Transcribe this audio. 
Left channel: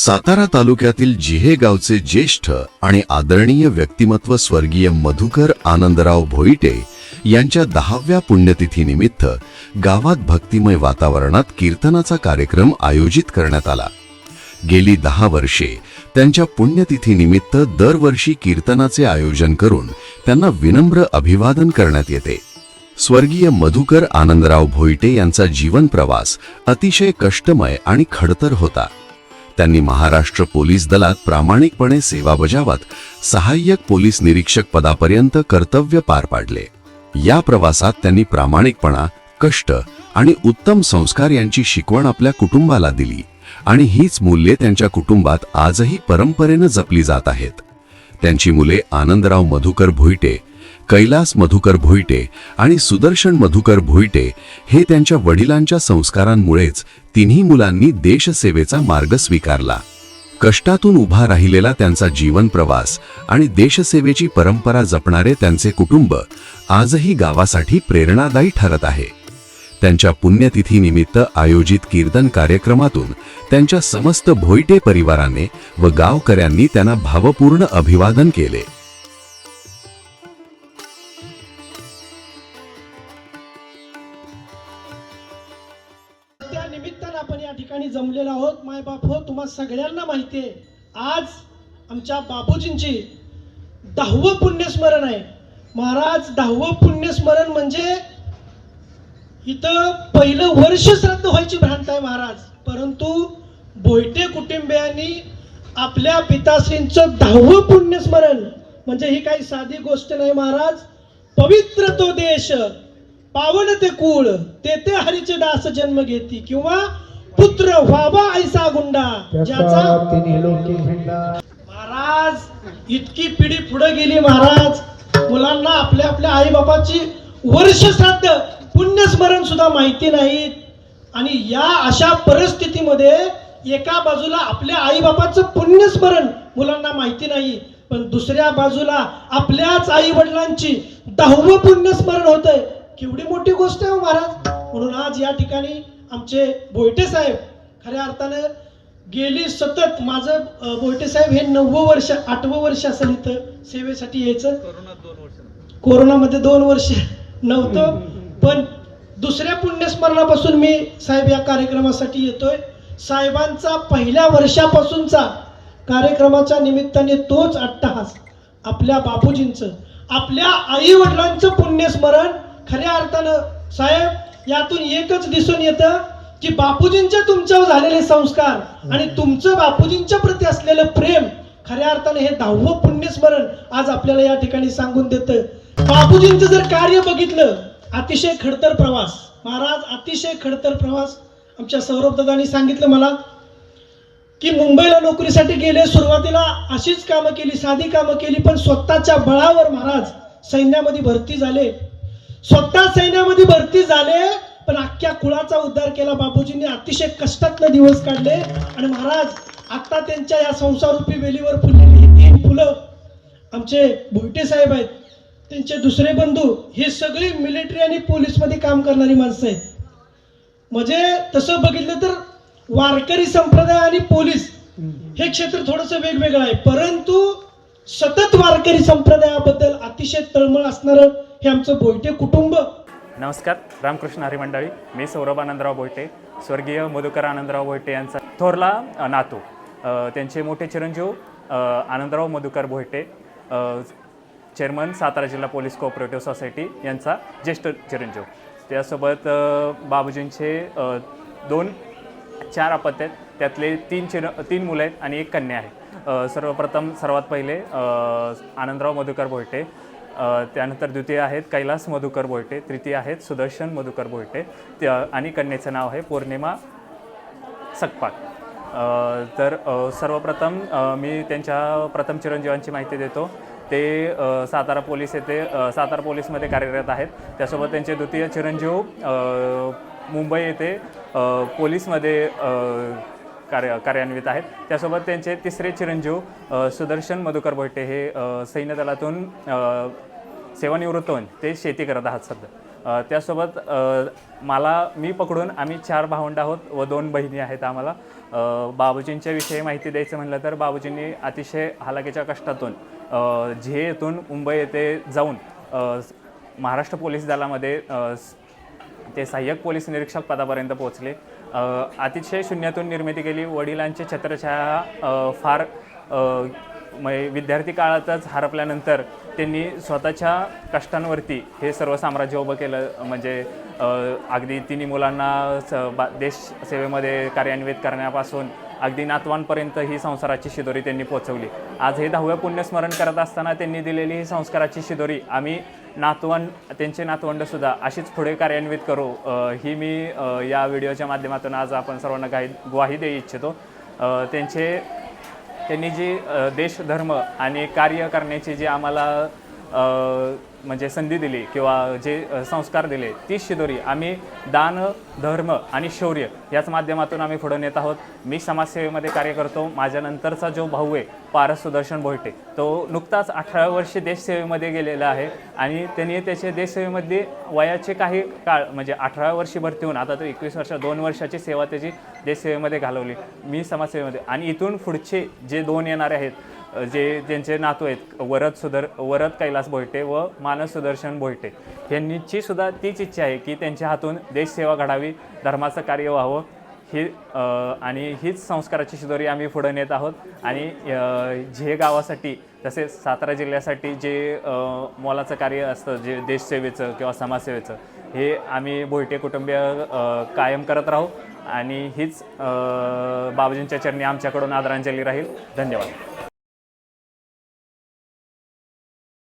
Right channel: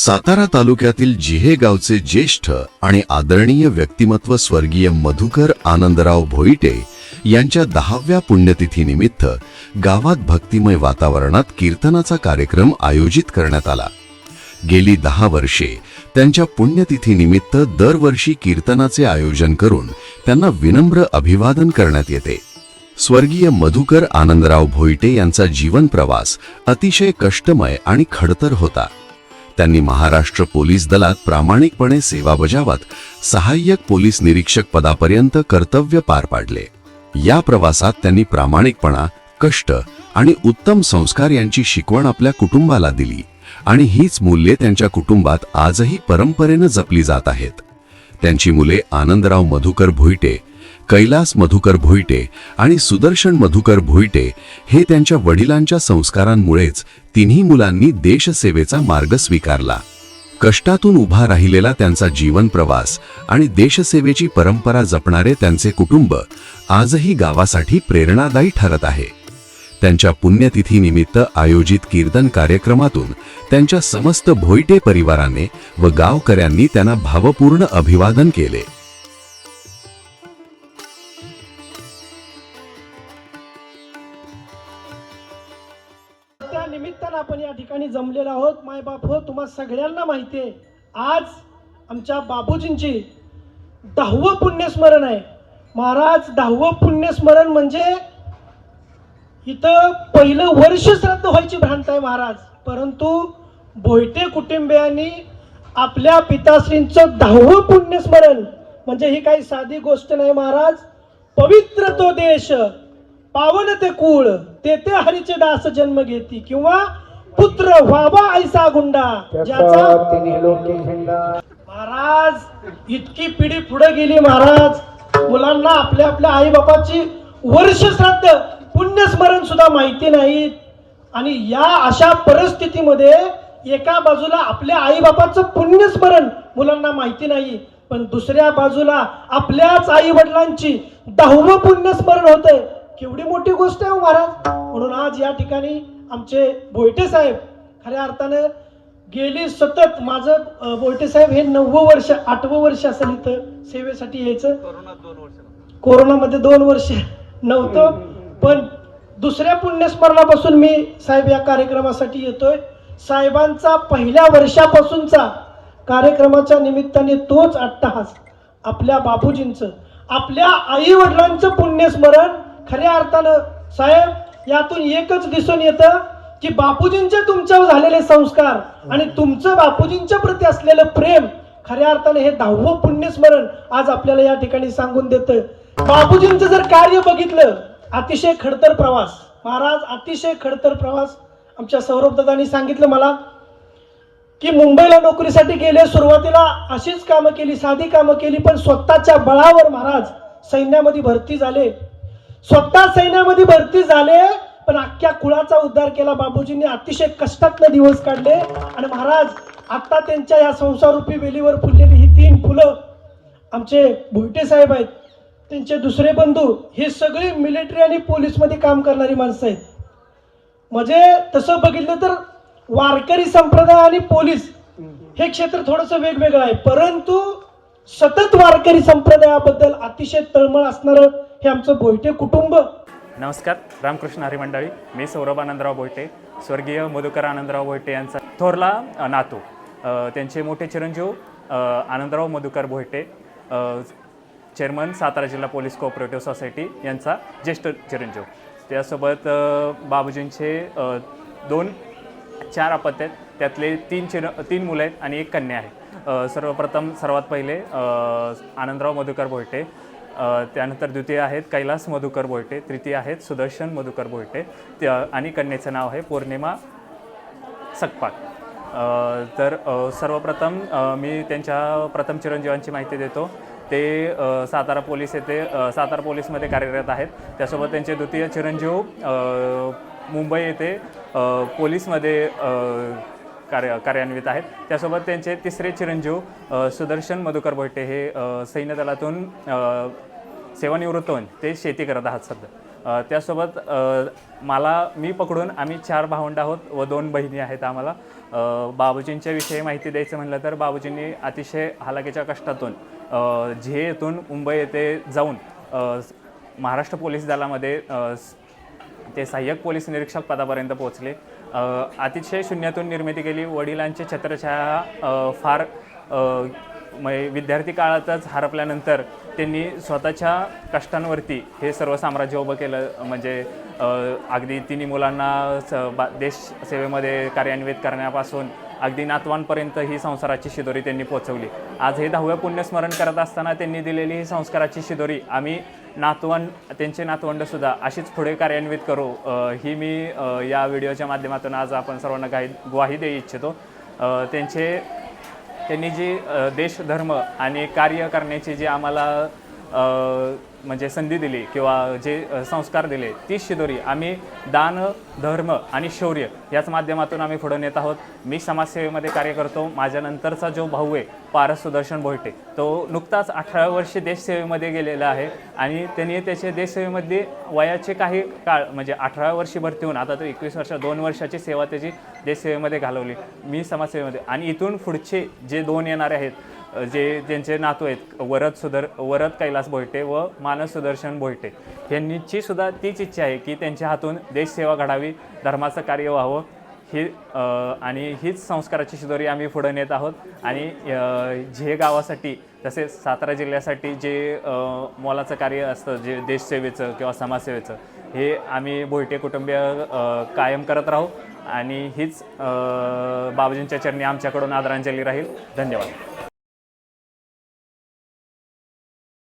सातारा तालुक्यातील जिहे गावचे ज्येष्ठ आणि आदरणीय व्यक्तिमत्व स्वर्गीय मधुकर आनंदराव भोईटे यांच्या 10व्या पुण्यतिथीनिमित्त गावात भक्तिमय वातावरणात कीर्तनाचा कार्यक्रम आयोजित करण्यात आला। गेली 10 वर्षे त्यांच्या पुण्यतिथीनिमित्त दरवर्षी कीर्तनाचे आयोजन करून त्यांना विनम्र अभिवादन करण्यात येते। स्वर्गीय मधुकर आनंदराव भोईटे यांचा जीवन प्रवास अतिशय कष्टमय आणि खडतर होता। त्यांनी महाराष्ट्र पोलीस दलात प्रामाणिकपणे सेवा बजावत सहाय्यक पोलीस निरीक्षक पदापर्यंत कर्तव्य पार पाडले। या प्रवासात त्यांनी प्रामाणिकपणा, कष्ट आणि उत्तम संस्कार यांची शिकवण आपल्या कुटुंबाला दिली आणि हीच मूल्ये त्यांच्या कुटुंबात आजही परंपरेने जपली जात आहेत। त्यांची मुले आनंदराव मधुकर भोईटे, कैलास मधुकर भोईटे आणि सुदर्शन मधुकर भोईटे हे त्यांच्या वडिलांच्या संस्कारांमुळेच तिन्ही मुलांनी देशसेवेचा मार्ग स्वीकारला। कष्टातून उभा राहिलेला त्यांचा जीवन प्रवास आणि देशसेवेची परंपरा जपणारे त्यांचे कुटुंब आजही गावासाठी प्रेरणादायी ठरत आहे। त्यांच्या पुण्यतिथीनिमित्त आयोजित कीर्तन कार्यक्रमातून त्यांच्या समस्त भोईटे परिवाराने व गावकऱ्यांनी त्यांना भावपूर्ण अभिवादन केले। त्या निमित्तानं आपण या ठिकाणी जमलेलो आहोत। माय बाप हो, तुम्हाला सगळ्यांना माहिती आहे, आज आमच्या बापूजींची 10वं पुण्यस्मरण आहे। महाराज 10वं पुण्यस्मरण म्हणजे इथं पहिलं वर्ष श्राद्ध व्हायची भ्रांत आहे महाराज, परंतु भोईटे कुटुंबियांनी आपल्या पिताश्रींचं 10वं पुण्यस्मरण म्हणजे ही काही साधी गोष्ट नाही महाराज। पवित्र तो देश, पावन ते कुळ, तेथे हरीचे दास जन्म घेती, किंवा पुत्र व्हावा ऐसा गुंडा ज्याचा महाराज इतकी पिढी पुढे गेली महाराज, मुलांना आपल्या आपल्या आई बाबाची वर्ष श्राद्ध पुण्यस्मरण सुद्धा माहिती नाही। आणि या अशा परिस्थितीमध्ये एका बाजूला आपल्या आई बाबाचं पुण्यस्मरण मुलांना माहिती नाही, पण दुसऱ्या बाजूला आपल्याच आई वडिलांची 10वं पुण्यस्मरण होते। केवढी मोठी गोष्ट आहे महाराज। म्हणून आज या ठिकाणी आमचे भोईटे साहेब खऱ्या अर्थानं गेली सतत, माझं भोईटे साहेब हे 9वं वर्ष 8वं वर्ष असेल इथं सेवेसाठी यायचं। कोरोनामध्ये 2 वर्ष नव्हतं, पण दुसऱ्या पुण्यस्मरणापासून मी साहेब या कार्यक्रमासाठी येतोय। साहेबांचा पहिल्या वर्षापासूनचा कार्यक्रमाच्या निमित्ताने तोच अट्टहास, आपल्या बापूजींचं, आपल्या आई वडिलांचं पुण्यस्मरण। खऱ्या अर्थानं साहेब यातून एकच दिसून येतं की बापूजींचे तुमच्यावर झालेले संस्कार आणि तुमचं बापूजींच्या प्रती असलेलं प्रेम खऱ्या अर्थाने हे 10वं पुण्यस्मरण आज आपल्याला या ठिकाणी सांगून देतं। बापूजींचं जर कार्य बघितलं, अतिशय खडतर प्रवास महाराज, अतिशय खडतर प्रवास। आमच्या सौरभ दादांनी सांगितलं मला की मुंबईला नोकरीसाठी गेले, सुरुवातीला अशीच कामं केली, साधी कामं केली, पण स्वतःच्या बळावर महाराज सैन्यामध्ये भरती झाले, स्वतः सैन्यामध्ये भरती झाले, पण अख्ख्या कुळाचा उद्धार केला बापूजींनी। अतिशय कष्टात दिवस काढले आणि महाराज आता त्यांच्या या संसाररूपी वेलीवर फुललेली ही 3 फुलं आमचे भोईटे साहेब आहेत, त्यांचे दुसरे बंधू, हे सगळे मिलिटरी आणि पोलीस मध्ये काम करणारी माणसं आहेत। म्हणजे तसं बघितलं तर वारकरी संप्रदाय आणि पोलीस हे क्षेत्र थोडंसं वेगवेगळं आहे, परंतु सतत वारकरी संप्रदायाबद्दल अतिशय तळमळ असणारं हे आमचं भोईटे कुटुंब। नमस्कार, रामकृष्ण हरी मंडळी, मी सौरभ आनंदराव भोईटे, स्वर्गीय मधुकर आनंदराव भोईटे यांचा थोरला नातू, त्यांचे मोठे चिरंजीव आनंदराव मधुकर भोईटे, चेअरमन सातारा जिल्हा पोलीस कोऑपरेटिव्ह सोसायटी यांचा ज्येष्ठ चिरंजीव। त्यासोबत बाबूजींचे 4 अपत्य आहेत, त्यातले 3 मुलं आहेत आणि 1 कन्या आहे। सर्वात पहिले आनंदराव मधुकर भोईटे, त्यानंतर द्वितीय आहेत कैलास मधुकर भोईटे, तृतीय आहेत सुदर्शन मधुकर भोईटे आणि कन्येचं नाव आहे पौर्णिमा सकपाळ। तर सर्वप्रथम मी त्यांच्या प्रथम चिरंजीवांची माहिती देतो। ते सातारा पोलीसमध्ये कार्यरत आहेत। त्यासोबत त्यांचे द्वितीय चिरंजीव मुंबई येथे पोलीसमध्ये कार्यान्वित आहेत। त्यासोबत त्यांचे तिसरे चिरंजीव सुदर्शन मधुकर भोईटे हे सैन्य दलातून सेवानिवृत्त होऊन ते शेती करत आहात सध्या। त्यासोबत मी पकडून आम्ही 4 भावंड आहोत व 2 बहिणी आहेत आम्हाला. बाबूजींच्या विषयी माहिती द्यायचं म्हणलं तर बाबूजींनी अतिशय हालाकीच्या कष्टातून झे येथून मुंबई येथे जाऊन महाराष्ट्र पोलीस दलामध्ये ते सहाय्यक पोलीस निरीक्षक पदापर्यंत पोहोचले. अतिशय शून्यातून निर्मिती केली. वडिलांची छत्रछाया फार विद्यार्थी काळातच हरपल्यानंतर त्यांनी स्वतःच्या कष्टांवरती हे सर्व साम्राज्य उभं केलं. म्हणजे अगदी तिन्ही मुलांना देश सेवेमध्ये कार्यान्वित करण्यापासून अगदी नातवांपर्यंत ही संस्काराची शिदोरी त्यांनी पोचवली. आज हे 10वे पुण्यस्मरण करत असताना त्यांनी दिलेली ही संस्काराची शिदोरी आम्ही त्यांचे नातवंडसुद्धा अशीच पुढे कार्यान्वित करू ही मी या व्हिडिओच्या माध्यमातून आज आपण सर्वांना ग्वाही देऊ इच्छितो. त्यांनी जी देश धर्म आणि कार्य करण्याची जी आम्हाला म्हणजे संधी दिली किंवा जे संस्कार दिले ती शिदोरी आम्ही दान धर्म आणि शौर्य याच माध्यमातून आम्ही पुढे नेत आहोत. मी समाजसेवेमध्ये कार्य करतो. माझ्यानंतरचा जो भाऊ आहे पारस सुदर्शन भोईटे तो नुकताच 18 वर्षे देशसेवेमध्ये गेलेला आहे आणि त्यांनी त्याचे देशसेवेमध्ये वयाचे काही काळ म्हणजे 18 वर्षी भरती होऊन आता तो 21 वर्ष 2 वर्षाची सेवा त्याची देशसेवेमध्ये घालवली. मी समाजसेवेमध्ये आणि इथून पुढचे जे 2 येणारे आहेत ज्यांचे नातू आहेत वरद कैलास भोईटे व मानस सुदर्शन भोईटे यांची सुद्धा तीच इच्छा आहे की त्यांच्या हातून देशसेवा घडावी, धर्माचं कार्य व्हावं आणि हीच संस्काराची शिदोरी आम्ही पुढे नेत आहोत. आणि झे गावासाठी तसेच सातारा जिल्ह्यासाठी जे मोलाचं कार्य असतं जे देशसेवेचं किंवा समाजसेवेचं हे आम्ही भोईटे कुटुंबीय कायम करत राहू आणि हीच बाबूजींच्या चरणी आमच्याकडून आदरांजली राहील. धन्यवाद.